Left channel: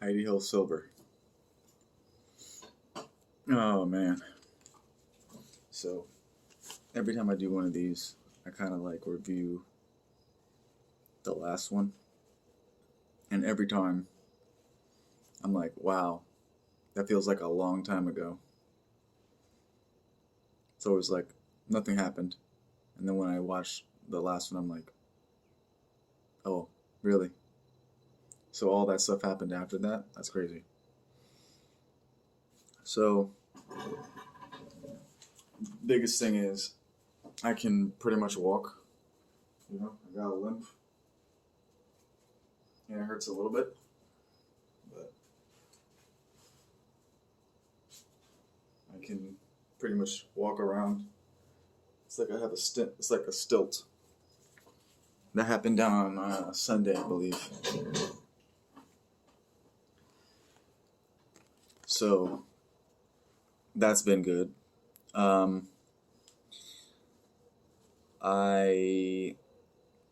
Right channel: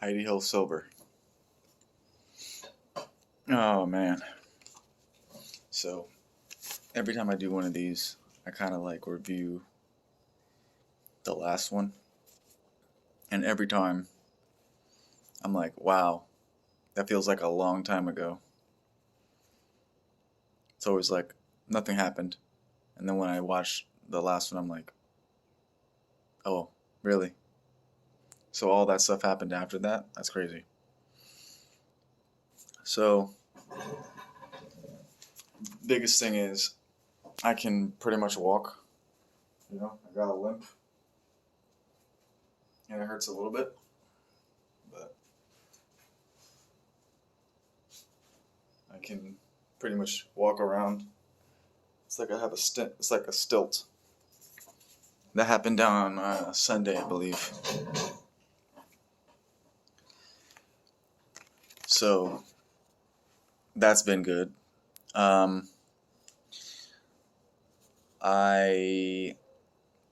Heidi Hill Silver. Oh man. So every time I do one of these, I kind of like review the last one. And every time I'm like, wow, that feels like a long time ago. It's always like nothing happened. And then when I watch the last one, I'm like, oh, really? So all that stuff happened after that? That's crazy. So, biggest thing is I can pretty much walk. I got a limp. And it hurts a little bit, but I can pretty much walk around. It's like I have a stint. It's like a stilt. That happened down on Sunday, I believe. So that's been good. I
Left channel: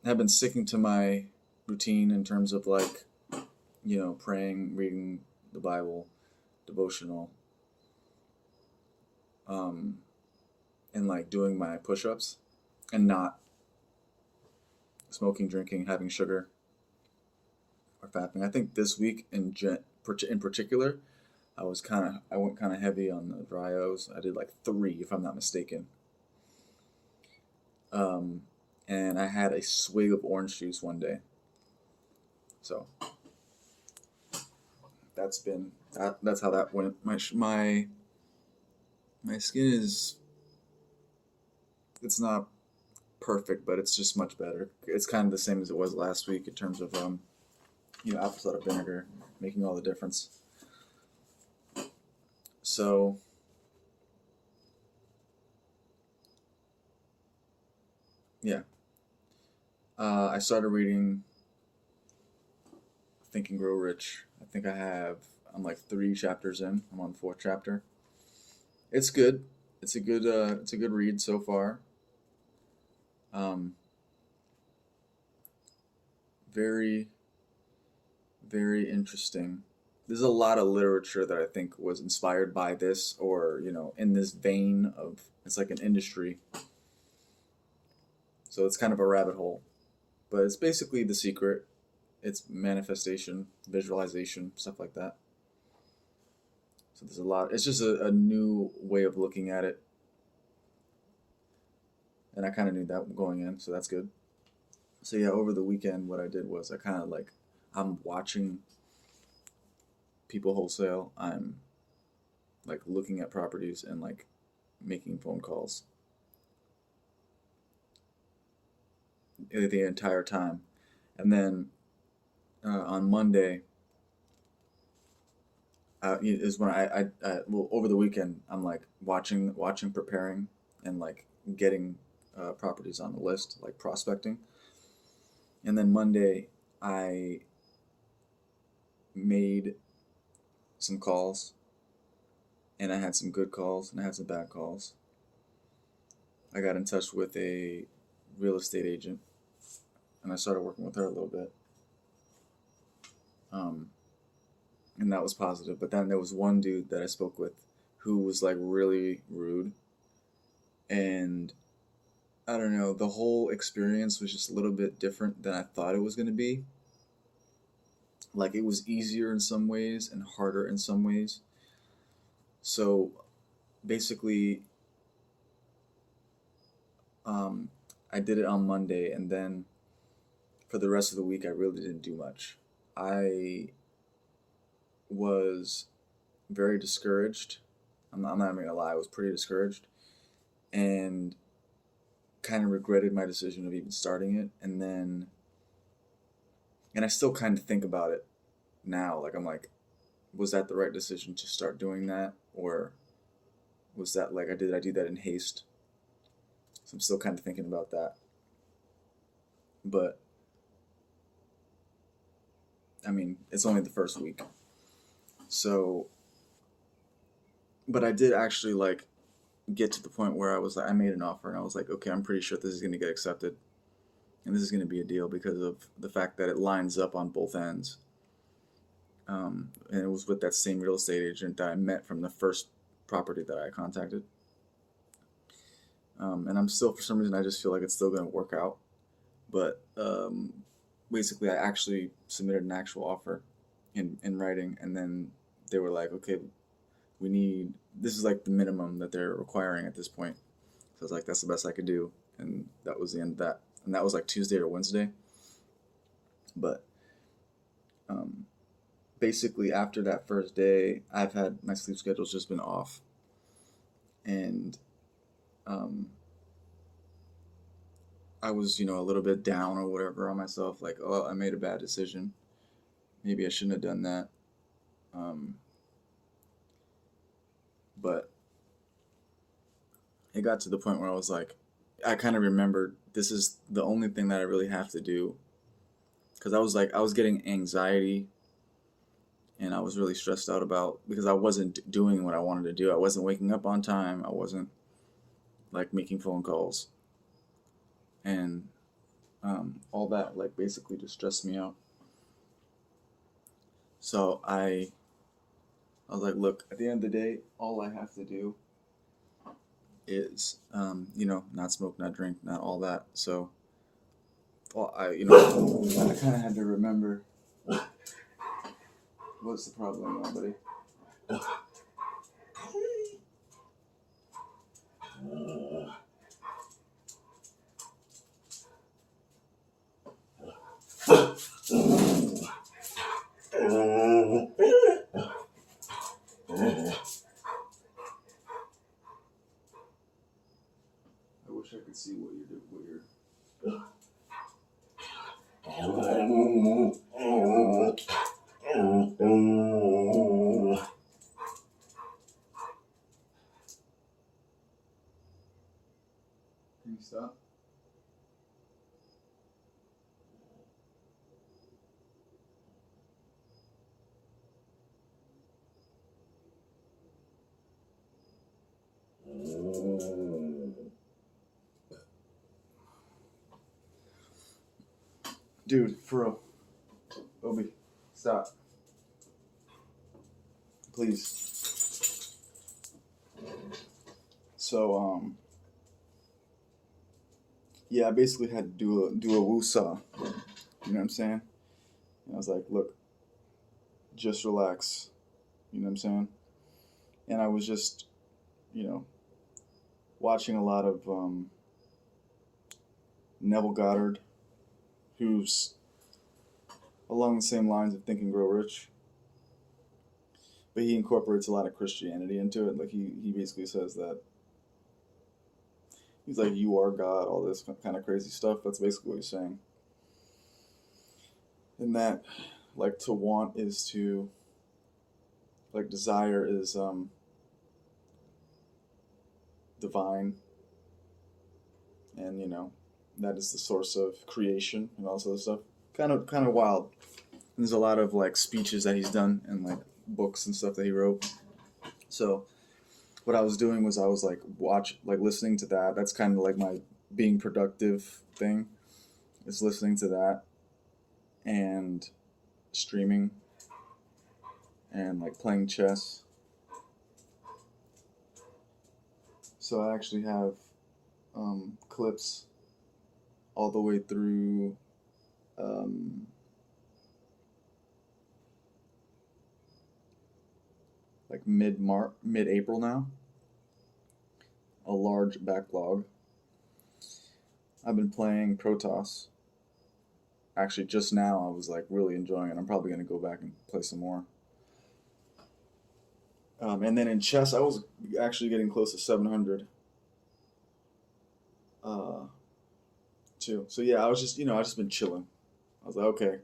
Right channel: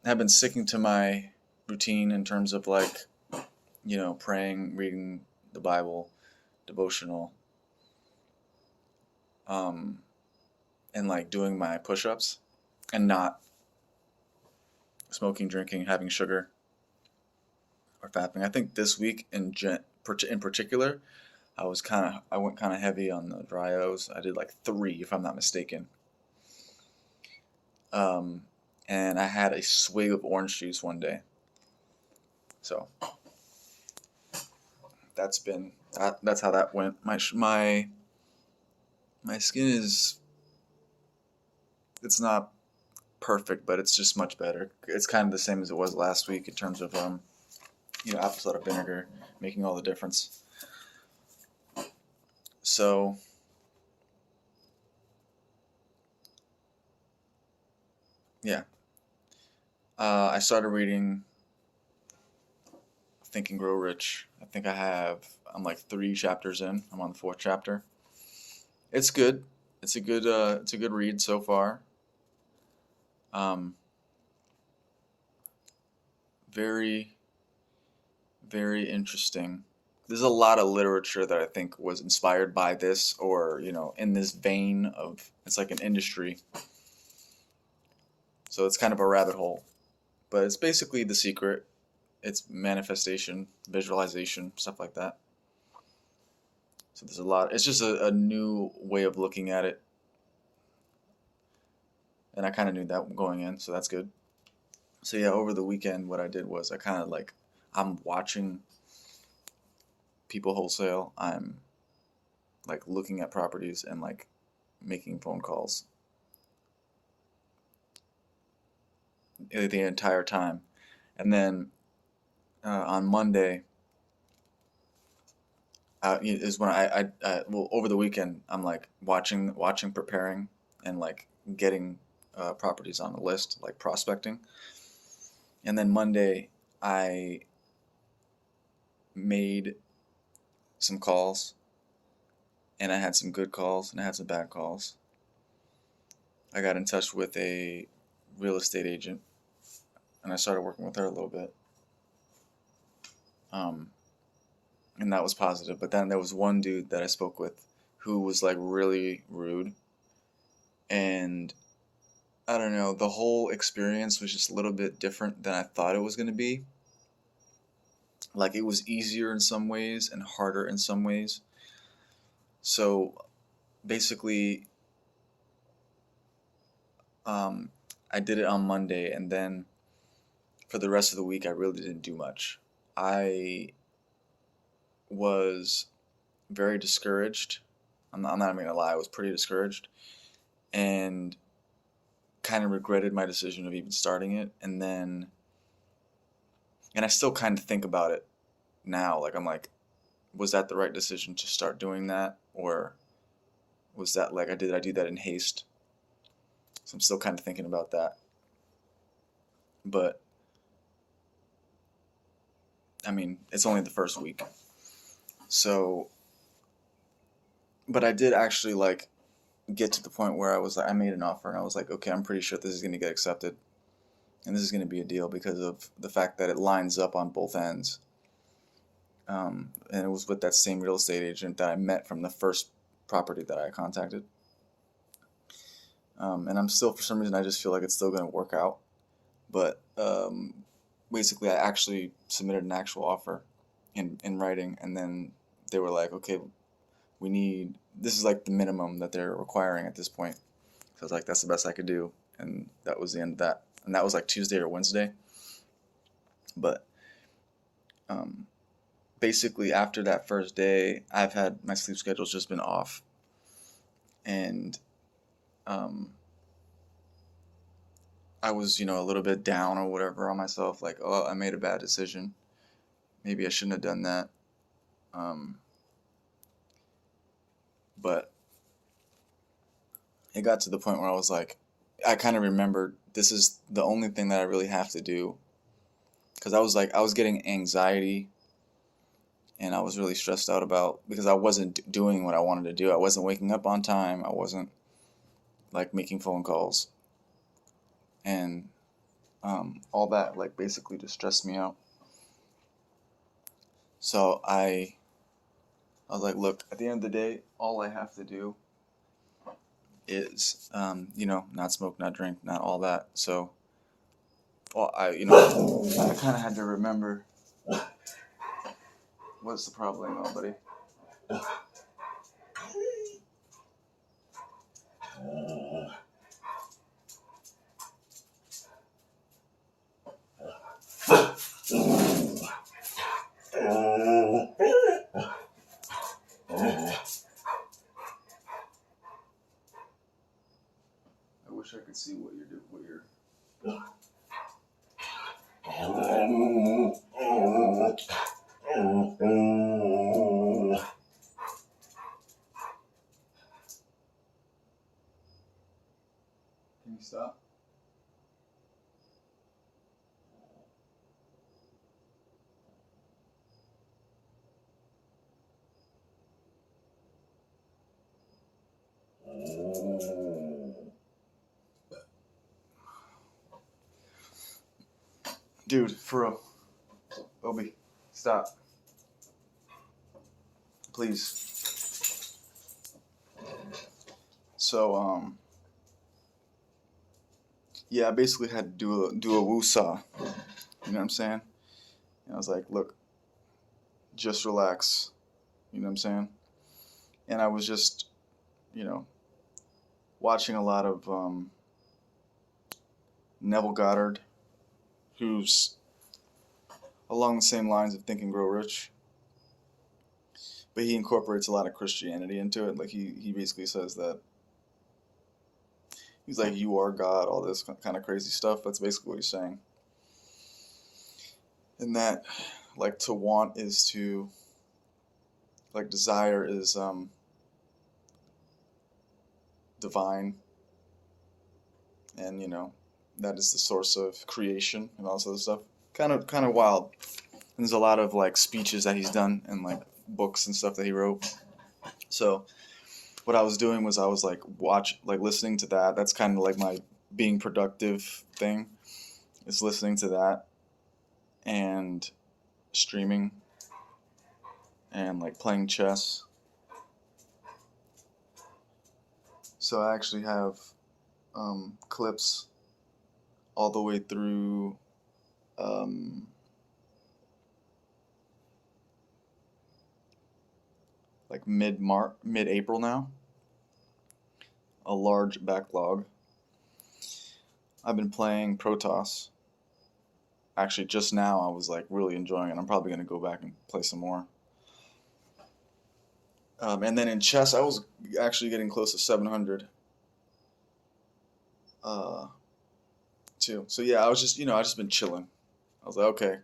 have been sticking to my routine in terms of praying, reading the Bible, devotional, and like doing my push-ups and not smoking, drinking, having sugar or fapping. I think this week in particular, I went kind of heavy on the dry O's. I did like 3, if I'm not mistaken. Um, and I had a swig of orange juice one day. So that's how that went. My skin is, it's not perfect, but it's just much better. It's kind of the same as it was last week in terms of apple cider vinegar making all the difference. So yeah, I started reading Think and Grow Rich. I'm like 3 chapters in. I'm on the 4th chapter. It's good. It's a good read so far. Um, very, very interesting. There's a lot of literature that I think was inspired by this, or in this vein of, it's like an industry. So it's kind of a rabbit hole, but it's basically The Secret. It's manifestation, visualization, stuff like that. So there's a lot. It's just a new way of looking at it, and I kind of knew that going in, so that's good. So yeah, over the weekend, what I did was I'm watching people wholesale. I'm like looking at properties and like making phone calls the entire time. And then on Monday is when well, over the weekend I'm like watching, preparing, and like getting properties on the list, like prospecting. And then Monday I made some calls, and I had some good calls and I had some bad calls. I got in touch with a real estate agent, and I started working with her a little bit. Um, and that was positive. But then there was one dude that I spoke with who was like really rude, and I don't know, the whole experience was just a little bit different than I thought it was going to be. Like it was easier in some ways and harder in some ways. So basically, um, I did it on Monday, and then for the rest of the week, I really didn't do much. I was very discouraged. I'm not even gonna lie, I was pretty discouraged and kind of regretted my decision of even starting it. And I still kind of think about it now. Like, I'm like, was that the right decision to start doing that? Or was that like, did I do that in haste? So I'm still kind of thinking about that. But I mean, it's only the first week. So, but I did actually like get to the point where I was like, I made an offer and I was like, okay, I'm pretty sure this is going to get accepted. And this is going to be a deal because of the fact that it lines up on both ends. And it was with that same real estate agent that I met from the first property that I contacted. And I'm still, for some reason, I just feel like it's still going to work out. But basically, I actually submitted an actual offer in writing, and then they were like, okay, this is like the minimum that they're requiring at this point. So I was like, that's the best I could do. And that was the end of that. And that was like Tuesday or Wednesday. But basically, after that first day, I've had my sleep schedule's just been off. And I was, a little bit down or whatever on myself, like, oh, I made a bad decision. Maybe I shouldn't have done that. But it got to the point where I was like, I kind of remembered this is the only thing that I really have to do. Because I was getting anxiety, and I was really stressed out because I wasn't doing what I wanted to do. I wasn't waking up on time. I wasn't like making phone calls. And all that like basically just stressed me out. So I was like, look, at the end of the day, all I have to do is, not smoke, not drink, not all that. So, well, I kind of had to remember what's the problem, buddy. I wish I could see what you're doing. Can you stop? Dude, for real. Obi, stop. Please. So, yeah, I basically had to do a woosah. You know what I'm saying? And I was like, look, just relax. You know what I'm saying? And I was just, watching a lot of Neville Goddard, who's along the same lines of Think and Grow Rich, but he incorporates a lot of Christianity into it. Like he basically says that he's like, you are God, all this kind of crazy stuff. That's basically what he's saying. And that, like, to want is to, like, desire is divine, and that is the source of creation and all this other stuff. Kind of wild. And there's a lot of like speeches that he's done and like books and stuff that he wrote. So what I was doing was I was like listening to that. That's kind of like my being productive thing, is listening to that and streaming and like playing chess. So I actually have clips all the way through like mid-April now. A large backlog. I've been playing Protoss. Actually, just now I was like really enjoying it. I'm probably gonna go back and play some more. And then in chess, I was actually getting close to 700. Too. So yeah, I was just I just been chilling. I was like, okay,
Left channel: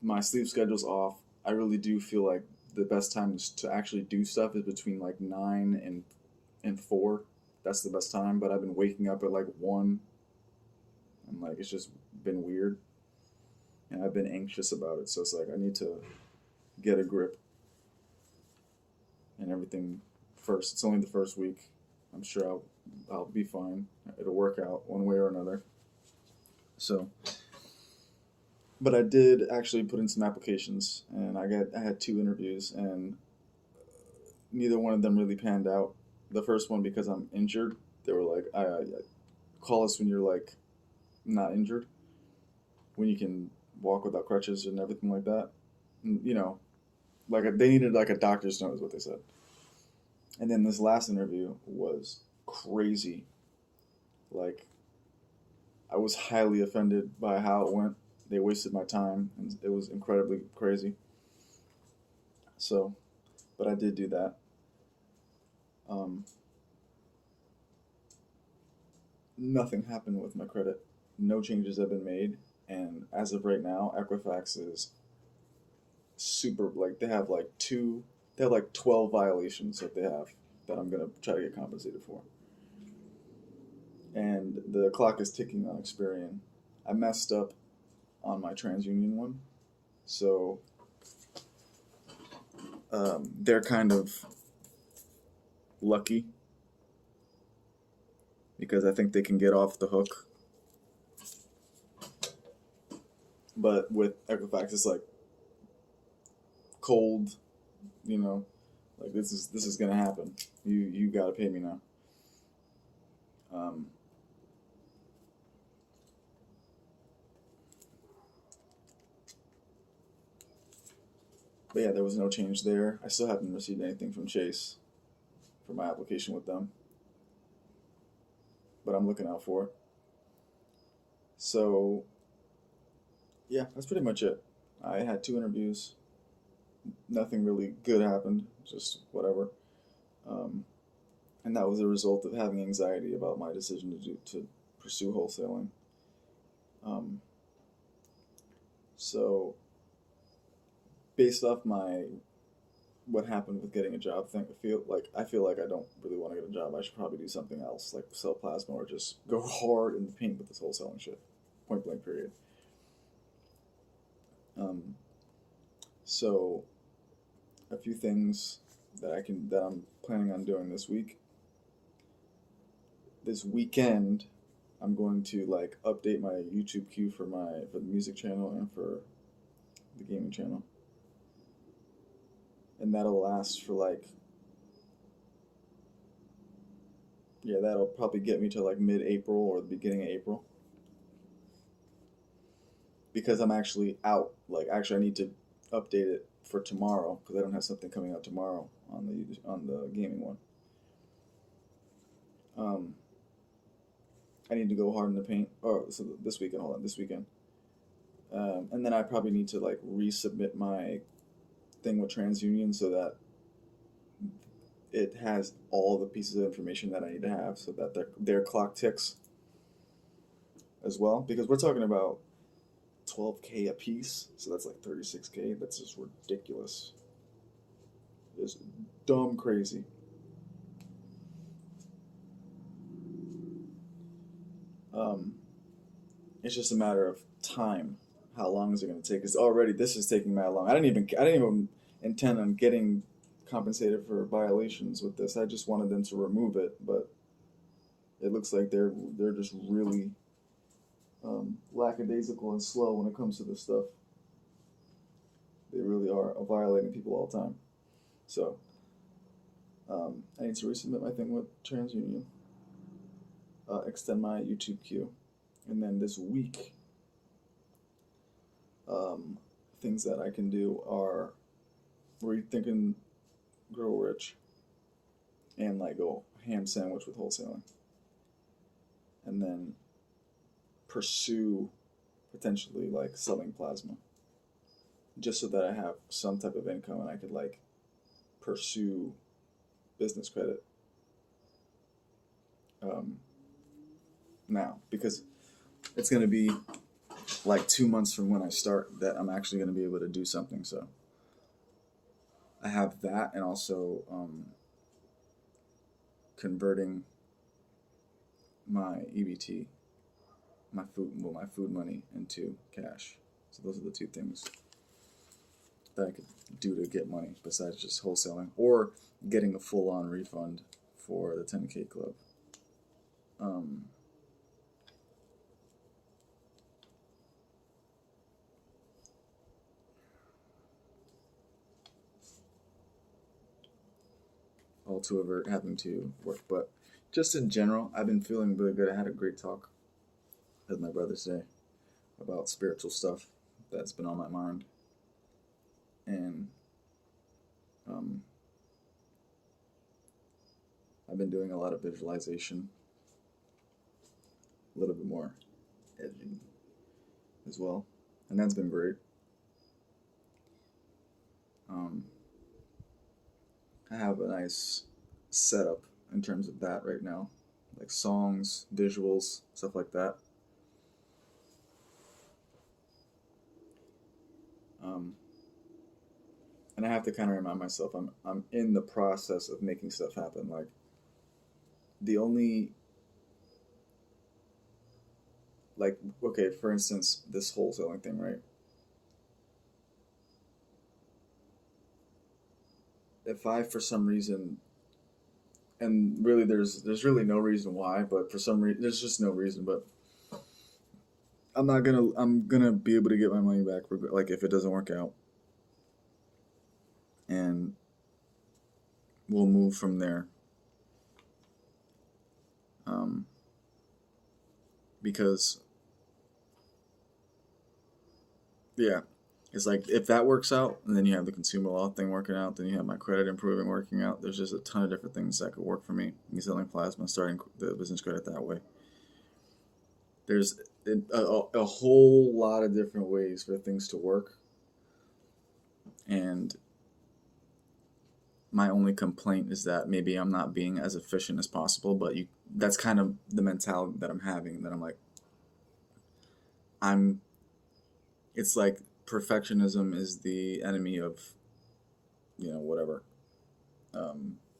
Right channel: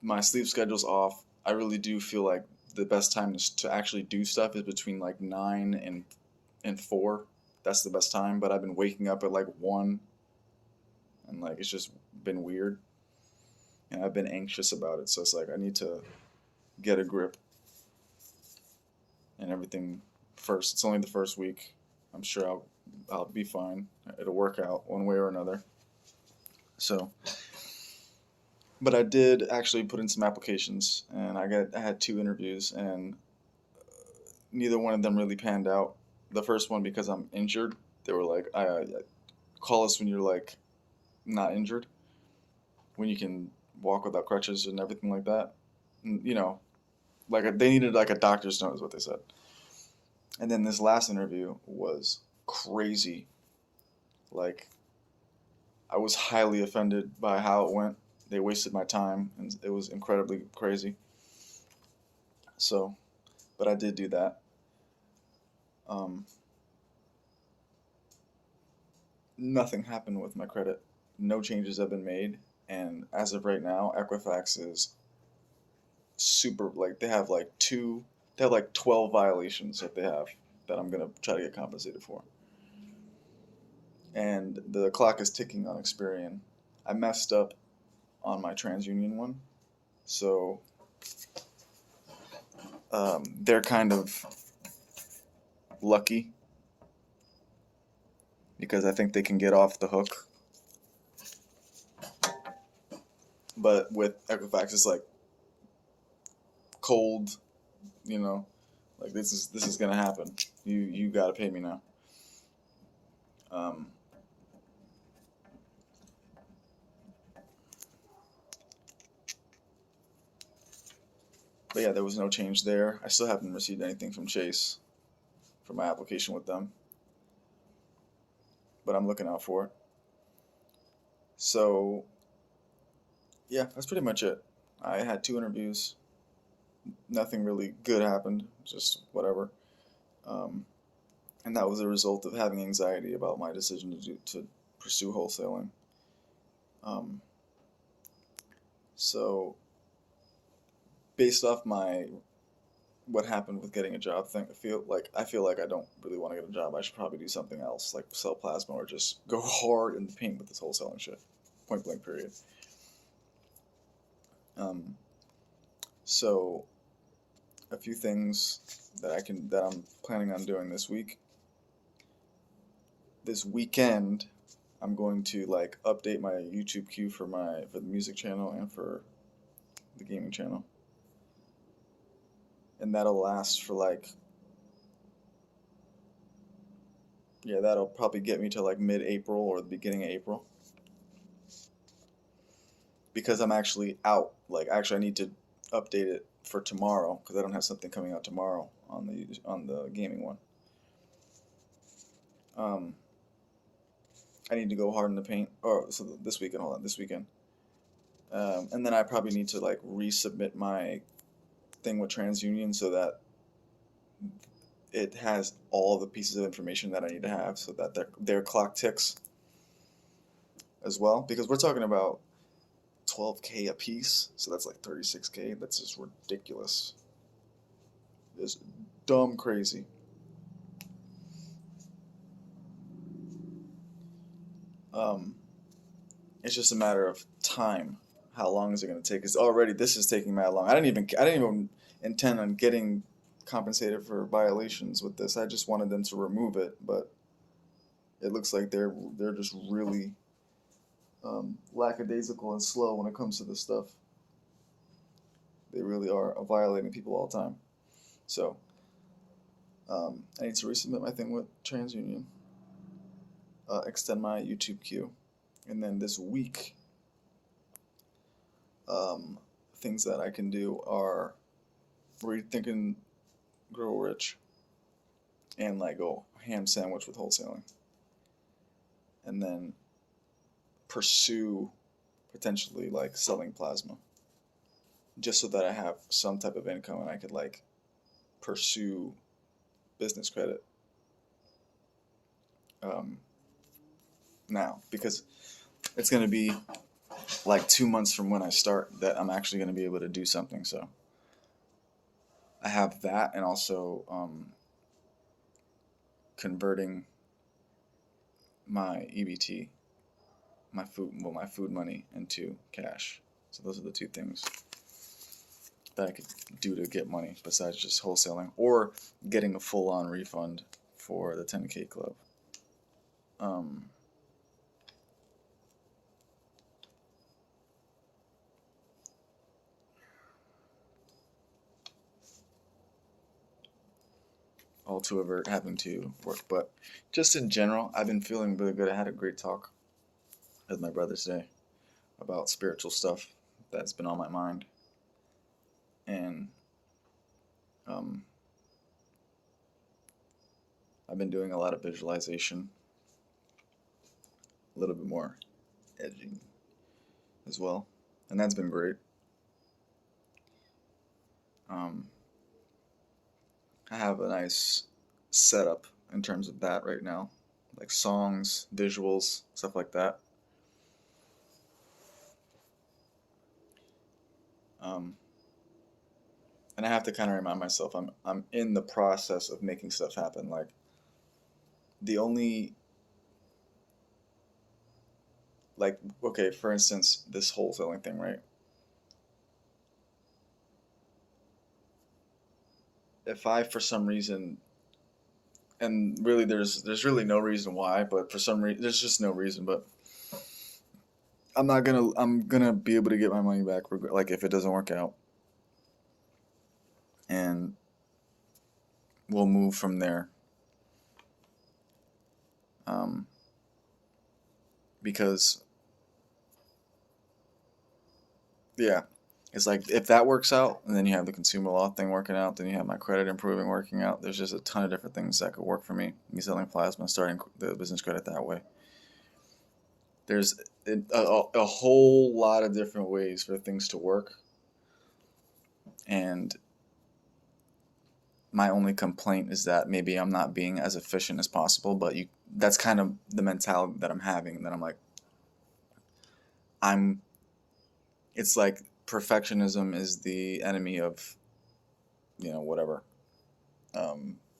my sleep schedule's off. I really do feel like the best time to actually do stuff is between like 9 and 4. That's the best time. But I've been waking up at like 1, and like it's just been weird, and I've been anxious about it. So it's like I need to get a grip and everything first. It's only the first week. I'm sure I'll be fine. It'll work out one way or another. So But I did actually put in some applications, and I had two interviews, and neither one of them really panned out. The first one because I'm injured. They were like, I call us when you're like not injured, when you can walk without crutches and everything like that. And, you know, they needed like a doctor's note is what they said. And then this last interview was crazy. Like, I was highly offended by how it went. They wasted my time, and it was incredibly crazy. So, but I did do that. Um, Nothing happened with my credit. No changes have been made, and as of right now, Equifax is super like they have like 12 violations that they have that I'm gonna try to get compensated for, and the clock is ticking on Experian. I messed up on my TransUnion one, so they're kind of lucky because I think they can get off the hook. But with Equifax, it's like cold, you know, like this is gonna happen. You gotta pay me now. Um, but yeah, there was no change there. I still haven't received anything from Chase for my application with them, but I'm looking out for it. So yeah, that's pretty much it. I had two interviews. Nothing really good happened. Just whatever. Um, and that was a result of having anxiety about my decision to pursue wholesaling. Um, so based off my what happened with getting a job thing, I feel like I don't really want to get a job. I should probably do something else, like sell plasma or just go hard in the paint with this wholesaling shit. Point blank. Period. Um, so a few things that I'm planning on doing this week. This weekend, I'm going to like update my YouTube queue for the music channel and for the gaming channel, and that'll last for like that'll probably get me to like mid-April or the beginning of April because I'm actually out. Like actually, I need to update it for tomorrow because I don't have something coming out tomorrow on the gaming one. Um, I need to go hard in the paint. Or so this weekend, hold on, this weekend. And then I probably need to like resubmit my thing with TransUnion so that it has all the pieces of information that I need to have so that their clock ticks as well. Because we're talking about 12K a piece, so that's like 36K. That's just ridiculous. It's dumb crazy. Um, it's just a matter of time. How long is it going to take? Because already this is taking mad long. I didn't even intend on getting compensated for violations with this. I just wanted them to remove it, but it looks like they're just really lackadaisical and slow when it comes to this stuff. They really are violating people all the time. So I need to resubmit my thing with TransUnion, extend my YouTube queue, and then this week, um, things that I can do are rethinking Grow Rich and like go ham sandwich with wholesaling, and then pursue potentially like selling plasma, just so that I have some type of income and I could like pursue business credit um, now because it's going to be like 2 months from when I start that I'm actually going to be able to do something. So I have that, and also converting my EBT, my food money into cash. So those are the two things that I could do to get money besides just wholesaling or getting a full-on refund for the 10K club. Um, all two of it having to work. But just in general, I've been feeling really good. I had a great talk with my brother today about spiritual stuff that's been on my mind. And um, I've been doing a lot of visualization, a little bit more edging as well. And that's been great. I have a nice setup in terms of that right now, like songs, visuals, stuff like that. Um, and I have to kind of remind myself I'm in the process of making stuff happen. Like the only like okay, for instance, this wholesaling thing, right? If I for some reason, and really there's really no reason why, but for some reason there's just no reason, but I'm gonna be able to get my money back like if it doesn't work out, and we'll move from there. Um, because yeah, it's like if that works out, and then you have the consumer law thing working out, then you have my credit improving working out. There's just a ton of different things that could work for me. Me selling plasma, starting the business credit that way. There's a whole lot of different ways for things to work, and my only complaint is that maybe I'm not being as efficient as possible. But that's kind of the mentality that I'm having. That I'm like, I'm. It's like perfectionism is the enemy of whatever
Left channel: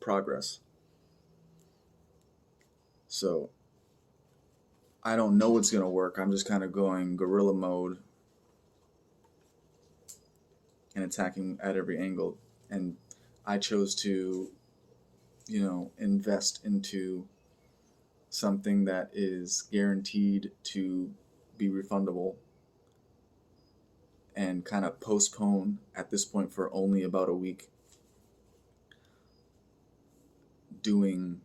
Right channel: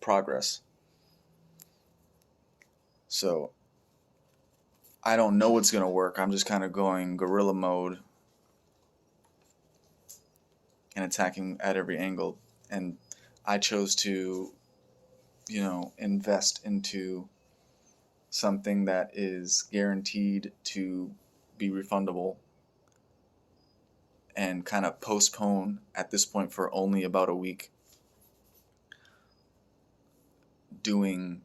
progress. So I don't know what's gonna work. I'm just kind of going guerrilla mode and attacking at every angle. And I chose to, invest into something that is guaranteed to be refundable and kind of postpone at this point for only about a week doing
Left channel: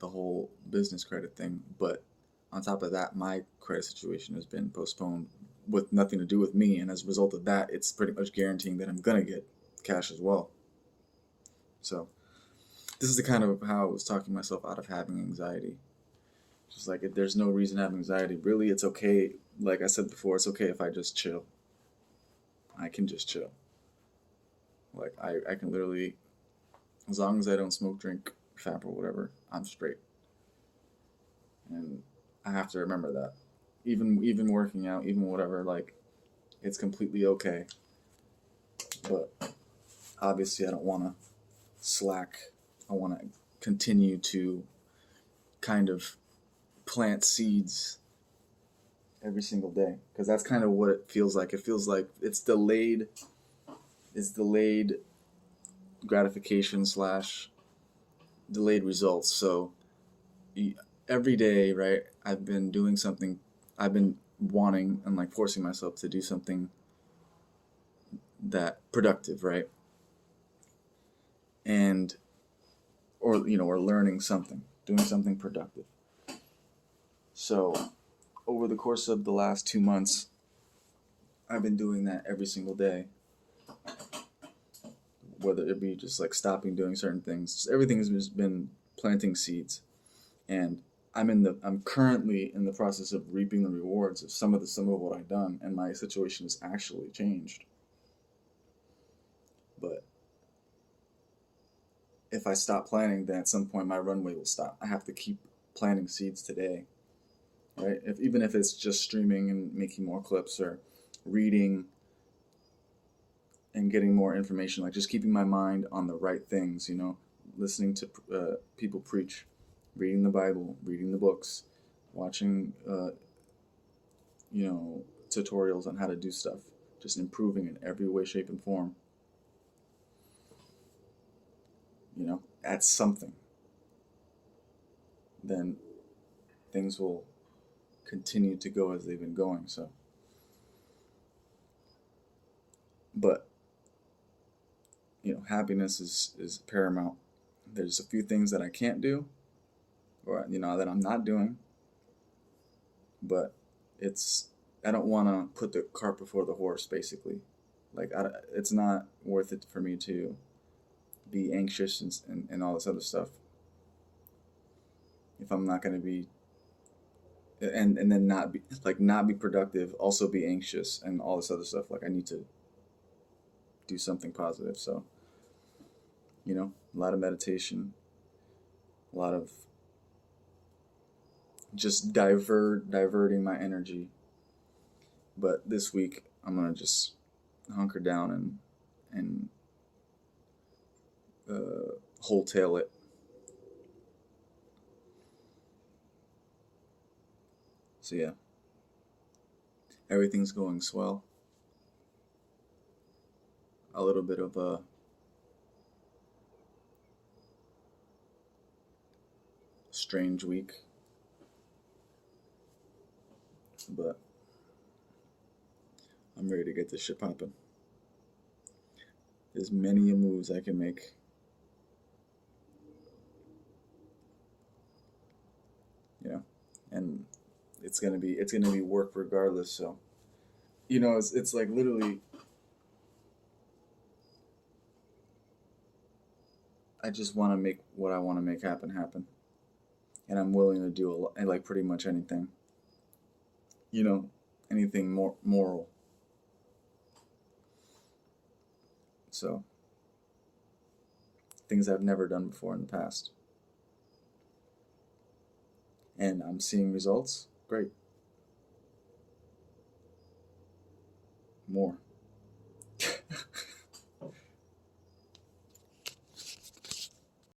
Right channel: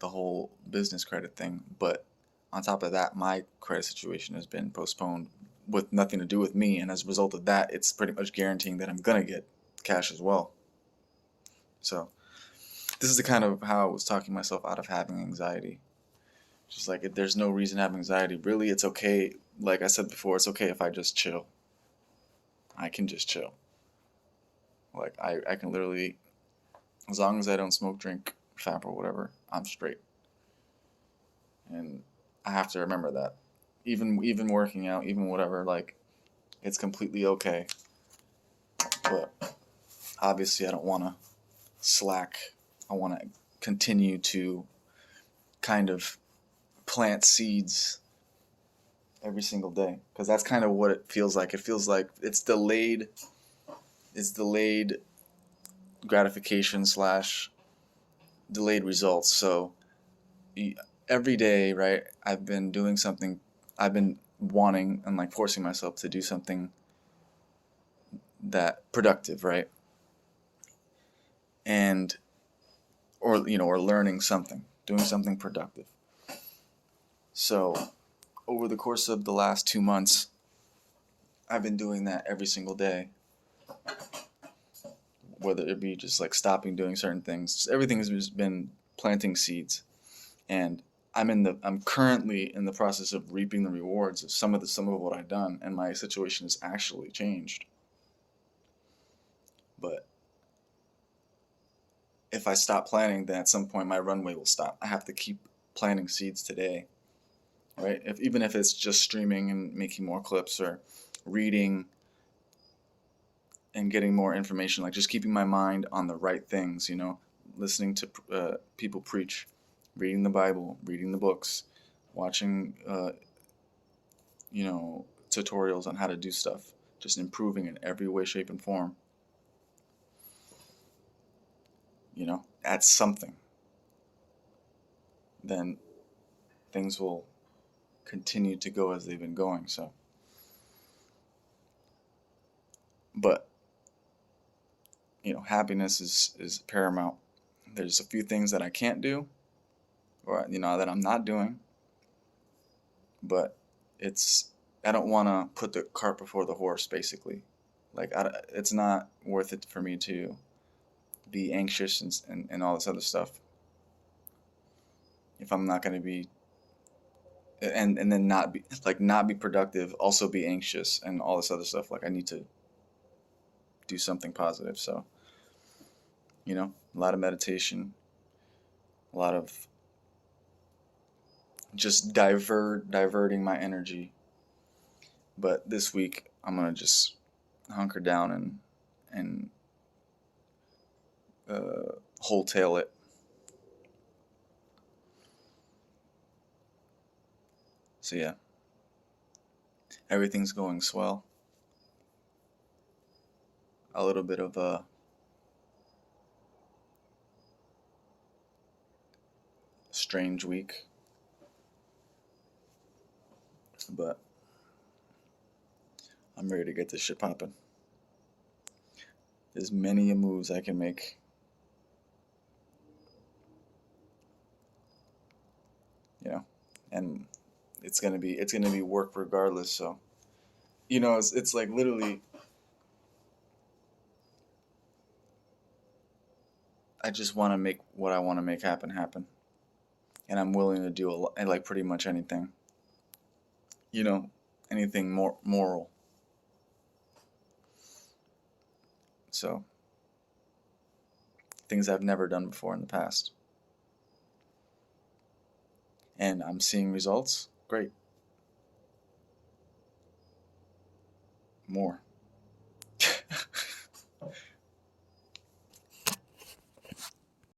the whole business credit thing. But on top of that, my credit situation has been postponed with nothing to do with me. And as a result of that, it's pretty much guaranteeing that I'm going to get cash as well. So this is the kind of how I was talking myself out of having anxiety. Just like if there's no reason to have anxiety, really, it's okay. Like I said before, it's okay if I just chill. I can just chill. Like I can literally, as long as I don't smoke, drink, fap, or whatever, I'm straight. And I have to remember that. Even working out, even whatever, like it's completely okay. But obviously, I don't want to slack. I want to continue to kind of plant seeds every single day because that's kind of what it feels like. It feels like it's delayed. It's delayed gratification slash delayed results. So every day, right? I've been doing something. I've been wanting and like forcing myself to do something that productive, right? And or learning something, doing something productive. So over the course of the last 2 months, I've been doing that every single day. Whether it be just like stopping doing certain things, everything has just been planting seeds, and I'm currently in the process of reaping the rewards of some of what I've done, and my situation has actually changed. But if I stop planting, then at some point my runway will stop. I have to keep planting seeds today, right? Even if it's just streaming and making more clips or reading and getting more information, like just keeping my mind on the right things, listening to people preach, reading the Bible, reading the books, watching, tutorials on how to do stuff, just improving in every way, shape, and form. That's something. Then things will continue to go as they've been going. So, but happiness is paramount. There's a few things that I can't do, or that I'm not doing, but it's I don't want to put the cart before the horse, basically. Like it's not worth it for me to be anxious and all this other stuff if I'm not going to be, and then not be productive, also be anxious and all this other stuff. Like I need to do something positive. So, a lot of meditation, a lot of just diverting my energy. But this week I'm gonna just hunker down and wholetail it. So yeah, everything's going swell. A little bit of a strange week, but I'm ready to get this shit popping. There's many a moves I can make. And it's gonna be work regardless. So, it's like literally, I just want to make what I want to make happen, and I'm willing to do a lot, like pretty much anything. Anything more moral. So, things I've never done before in the past. And I'm seeing results. Great. More.